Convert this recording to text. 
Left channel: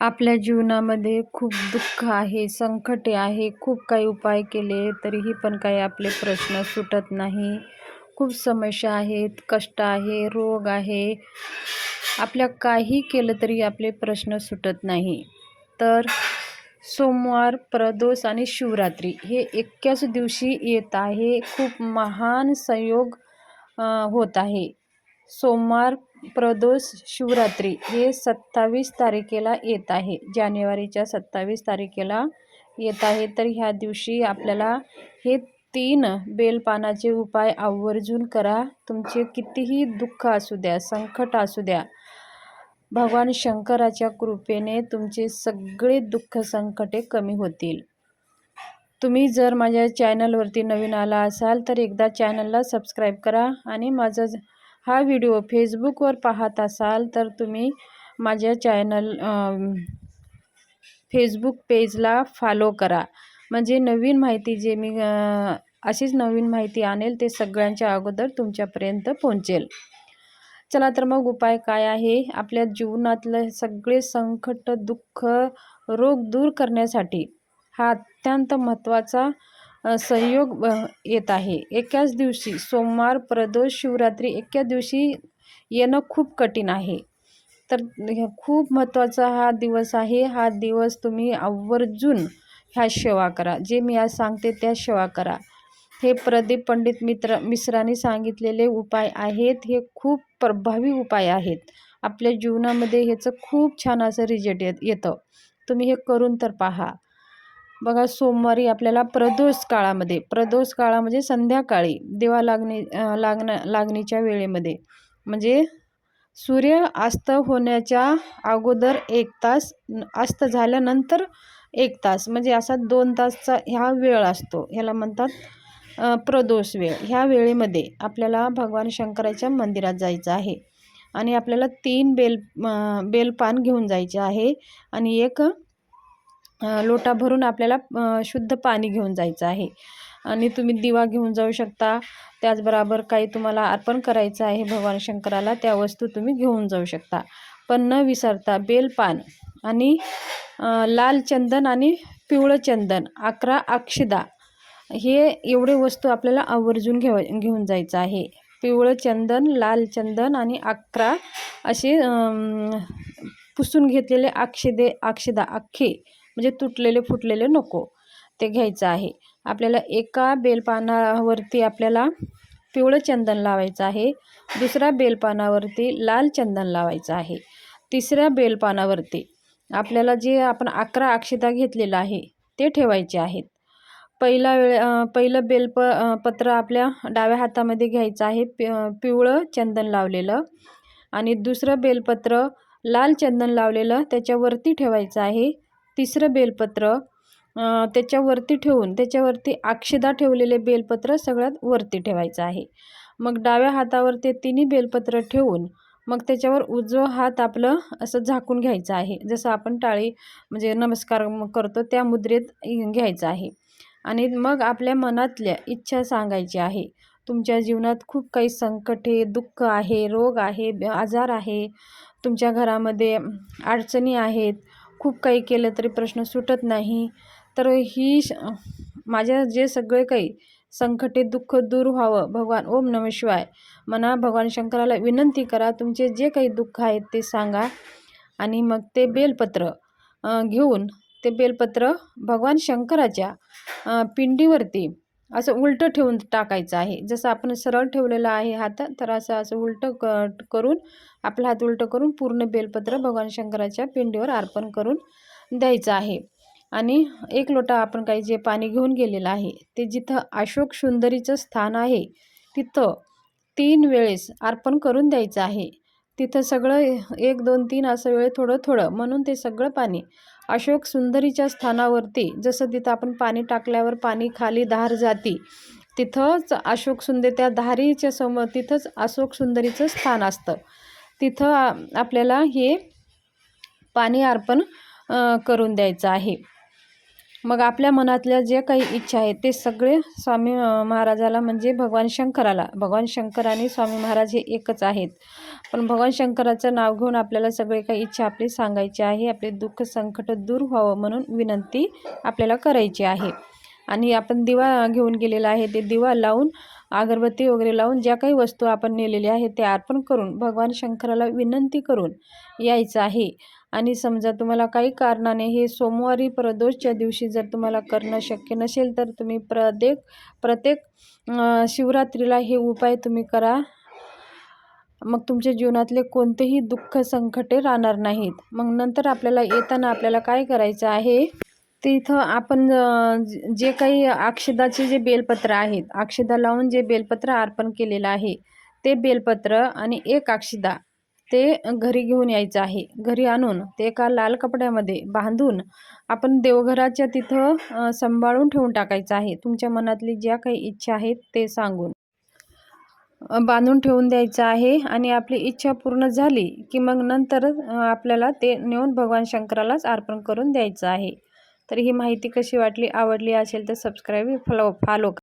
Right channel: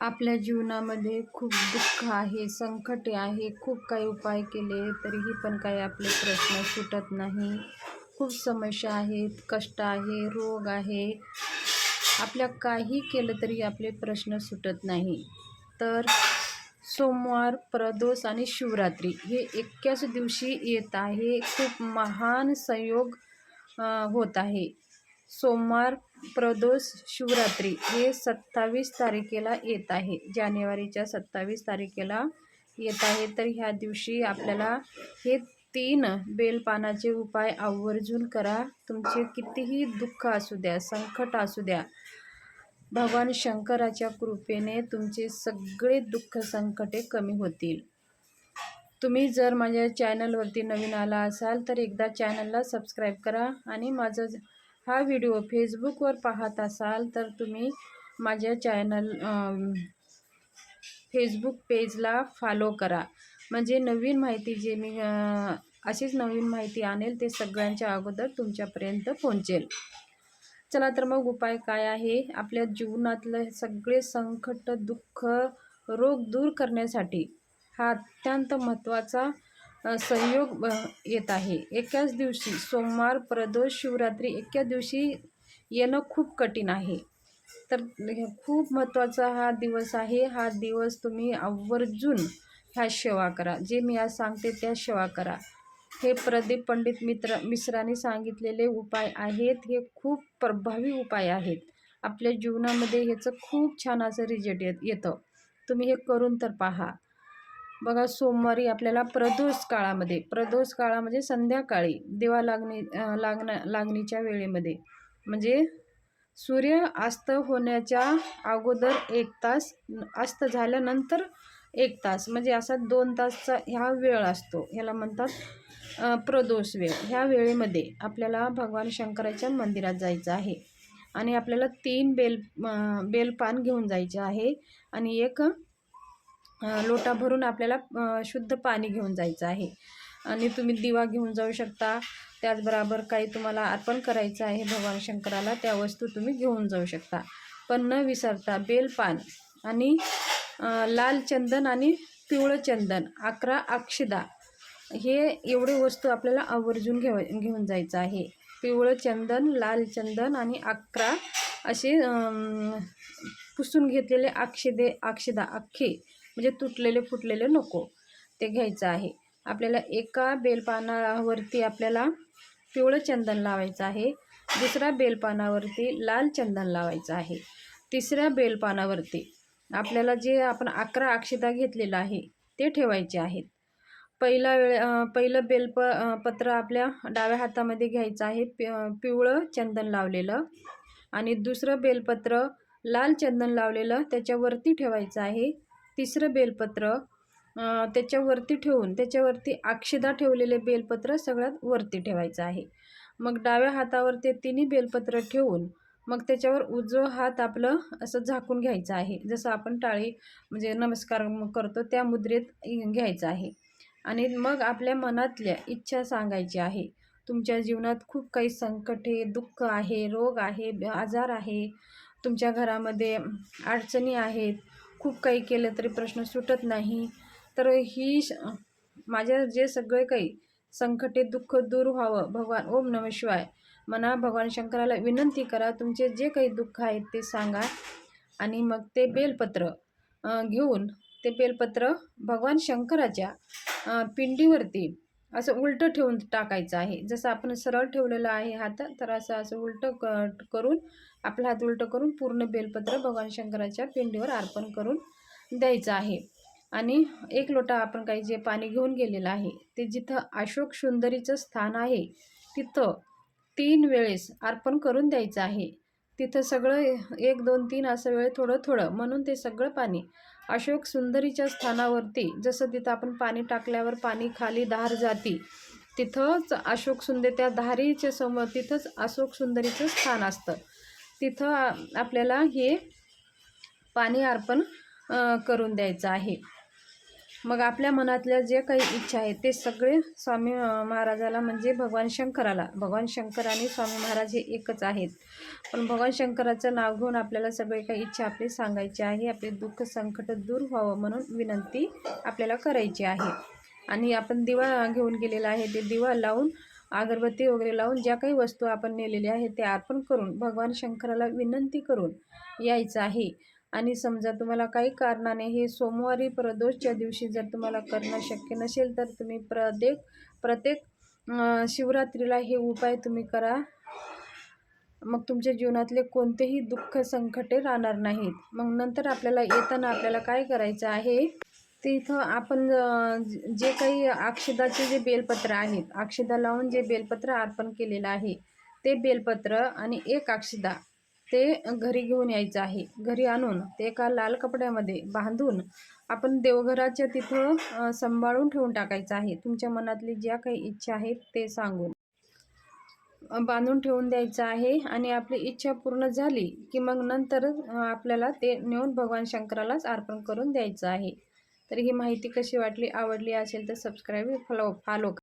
आपल्या जीवनामध्ये खूप दुःख आहे संकटे आहे खूप काही उपाय केले तरीही पण काही आपले प्रश्न सुटत नाही. खूप समस्या आहेत कष्ट आहे रोग आहे. आपल्या काही केलं तरी आपले प्रश्न सुटत नाही. तर सोमवार प्रदोष आणि शिवरात्री हे एकाच दिवशी येत आहे. खूप महान संयोग होत आहे. सोमवार प्रदोष शिवरात्री हे सत्तावीस तारखेला येत आहे. जानेवारीच्या सत्तावीस तारखेला येत आहे. तर ह्या दिवशी आपल्याला हे तीन बेलपानाचे उपाय आवर्जून करा. तुमचे कितीही दुःख असू द्या संकट असू द्या भगवान शंकराच्या कृपेने तुमचे सगळे दुःख संकटे कमी होतील. तुम्ही जर माझ्या चॅनलवरती नवीन आला असाल तर एकदा चॅनलला सबस्क्राईब करा आणि माझं हा व्हिडिओ फेसबुकवर पाहत असाल तर तुम्ही माझ्या चॅनल फेसबुक पेजला फॉलो करा. म्हणजे नवीन माहिती जे मी अशीच नवीन माहिती आणेल ते सगळ्यांच्या अगोदर तुमच्यापर्यंत पोहोचेल. चला तर मग उपाय काय आहे? आपल्या जीवनातलं सगळे संकट दुःख रोग दूर करण्यासाठी हा अत्यंत महत्त्वाचा सहयोग येत आहे. एकाच दिवशी सोमवार प्रदोष शिवरात्री एका दिवशी येणं खूप कठीण आहे. तर खूप महत्त्वाचा हा दिवस आहे. हा दिवस तुम्ही आवर्जून ह्या सेवा करा. जे मी आज सांगते त्या सेवा करा. हे प्रदीप पंडित मित्र मिश्रांनी सांगितलेले उपाय आहेत. हे खूप प्रभावी उपाय आहेत. आपल्या जीवनामध्ये ह्याचं खूप छान असं रिजल्ट येत येतं. तुम्ही हे करून तर पहा. बघा सोमवारी आपल्याला प्रदोष काळामध्ये प्रदोष काळामध्ये संध्याकाळी दिवा लागणी लागण लागणीच्या वेळेमध्ये म्हणजे सूर्य अस्त होण्याच्या अगोदर एक तास अस्त झाल्यानंतर एक तास म्हणजे असा दोन तासचा ह्या वेळ असतो. ह्याला म्हणतात प्रदोष वेळ. ह्या वेळेमध्ये आपल्याला भगवान शंकराच्या मंदिरात जायचं आहे आणि आपल्याला तीन बेल बेलपान घेऊन जायचे आहे आणि एक लोटा भरून आपल्याला शुद्ध पाणी घेऊन जायचं आहे. आणि तुम्ही दिवा घेऊन जाऊ शकता. त्याचबरोबर काही तुम्हाला अर्पण करायचं आहे भगवान शंकराला त्या वस्तू तुम्ही घेऊन जाऊ शकता. पण न विसरता बेलपान आणि लाल चंदन आणि पिवळं चंदन अकरा अक्षदा हे एवढे वस्तू आपल्याला आवर्जून घेव घेऊन जायचं आहे. पिवळं चंदन लाल चंदन आणि अकरा असे पुसून घेतलेले अक्षदे अक्षदा अख्खे म्हणजे तुटलेले फुटलेले नको. ते घ्यायचं आहे. आपल्याला एका बेलपानावरती आपल्याला पिवळं चंदन लावायचं आहे. दुसऱ्या बेलपानावरती लाल चंदन लावायचं आहे. तिसऱ्या बेलपानावरती आपल्याला जे आपण अकरा अक्षता घेतलेलं आहे ते ठेवायचे आहेत. पहिला वेळ पहिलं बेलप पत्र आपल्या डाव्या हातामध्ये घ्यायचं आहे. पि पिवळं चंदन लावलेलं आणि दुसरं बेलपत्र लाल चंदन लावलेलं त्याच्यावरती ठेवायचं आहे. तिसरं बेलपत्र त्याच्यावरती ठेवून त्याच्यावरती अक्षदा ठेवलेले बेलपत्र सगळ्यात वरती ठेवायचं आहे. मग डाव्या हातावर ते तिन्ही बेलपत्र ठेवून मग त्याच्यावर उजवा हात आपलं असं झाकून घ्यायचं आहे. जसं आपण टाळी म्हणजे नमस्कार करतो त्या मुद्रेत घ्यायचं आहे. आणि मग आपल्या मनातल्या इच्छा सांगायची आहे. तुमच्या जीवनात खूप काही संकटे दुःख आहे रोग आहे आजार आहे. तुमच्या घरामध्ये अडचणी आहेत. खूप काही केलं तरी प्रश्न सुटत नाही. तर ही माझ्या जे सगळे काही संकटे दुःख दूर व्हावं भगवान ओम नम शिवाय म्हणा भगवान शंकराला विनंती करा तुमचे जे काही दुःख आहेत ते सांगा आणि मग ते बेलपत्र घेऊन ते बेलपत्र भगवान शंकराच्या पिंडीवरती असं उलटं ठेवून टाकायचं आहे. जसं आपण सरळ ठेवलेलं आहे हात तर असं असं उलटं क करून आपला हात उलटं करून पूर्ण बेलपत्र भगवान शंकराच्या पिंडीवर अर्पण करून द्यायचं आहे. आणि एक लोटा आपण काही जे पाणी घेऊन गेलेलं आहे ते जिथं अशोक सुंदरीचं स्थान आहे तिथं तीन वेळेस अर्पण करून द्यायचं आहे. तिथं सगळं एक दोन तीन असं वेळ थोडं थोडं म्हणून ते सगळं पाणी अशोक सुंदरीच्या स्थानावरती जसं तिथं आपण पाणी टाकल्यावर पाणी खाली धार जाती तिथंच अशोक सुंदर त्या धारीच्या समोर तिथंच अशोक सुंदरीचं स्थान असतं. तिथं आपल्याला हे पाणी अर्पण करून द्यायचं आहे. मग आपल्या मनातल्या जे काही इच्छा आहेत ते सगळे स्वामी महाराजाला म्हणजे भगवान शंकराला भगवान शंकर आणि स्वामी महाराज हे एकच आहेत. पण भगवान शंकराचं नाव घेऊन आपल्याला सगळे काही इच्छा आपली सांगायची आहे आपले दुःख संकट दूर व्हावं म्हणून विनंती आपल्याला करायची आहे. आणि आपण दिवा घेऊन गेलेला आहे ते दिवा लावून अगरबत्ती वगैरे लावून ज्या काही वस्तू आपण नेलेल्या आहेत त्या अर्पण करून भगवान शंकराला विनंती करून यायचं आहे. आणि समजा तुम्हाला काही कारणाने हे सोमवारी प्रदोषच्या दिवशी जर तुम्हाला करणं शक्य नसेल तर तुम्ही प्रत्येक प्रत्येक शिवरात्रीला हे उपाय तुम्ही करा. मग तुमच्या जीवनातले कोणतेही दुःख संकटे राहणार नाहीत. मग नंतर आपल्याला येताना आपल्याला काय करायचं आहे? तिथं इथं आपण जे काही अक्षदाचे जे बेलपत्र आहेत अक्षदा लावून जे बेलपत्र अर्पण केलेलं आहे ते बेलपत्र आणि एक अक्षदा ते घरी घेऊन यायचं आहे. घरी आणून ते एका लाल कपड्यामध्ये बांधून आपण देवघराच्या तिथं सांभाळून ठेवून टाकायचं आहे. तुमच्या मनातली ज्या काही इच्छा आहेत ते सांगून बांधून ठेवून द्यायचं आहे आणि आपली इच्छा पूर्ण झाली की मग नंतर आपल्याला ते नेऊन भगवान शंकरालाच अर्पण करून द्यायचं आहे. तर ही माहिती कशी वाटली आवडली असेल तर सबस्क्राईब फॉलो फॉलो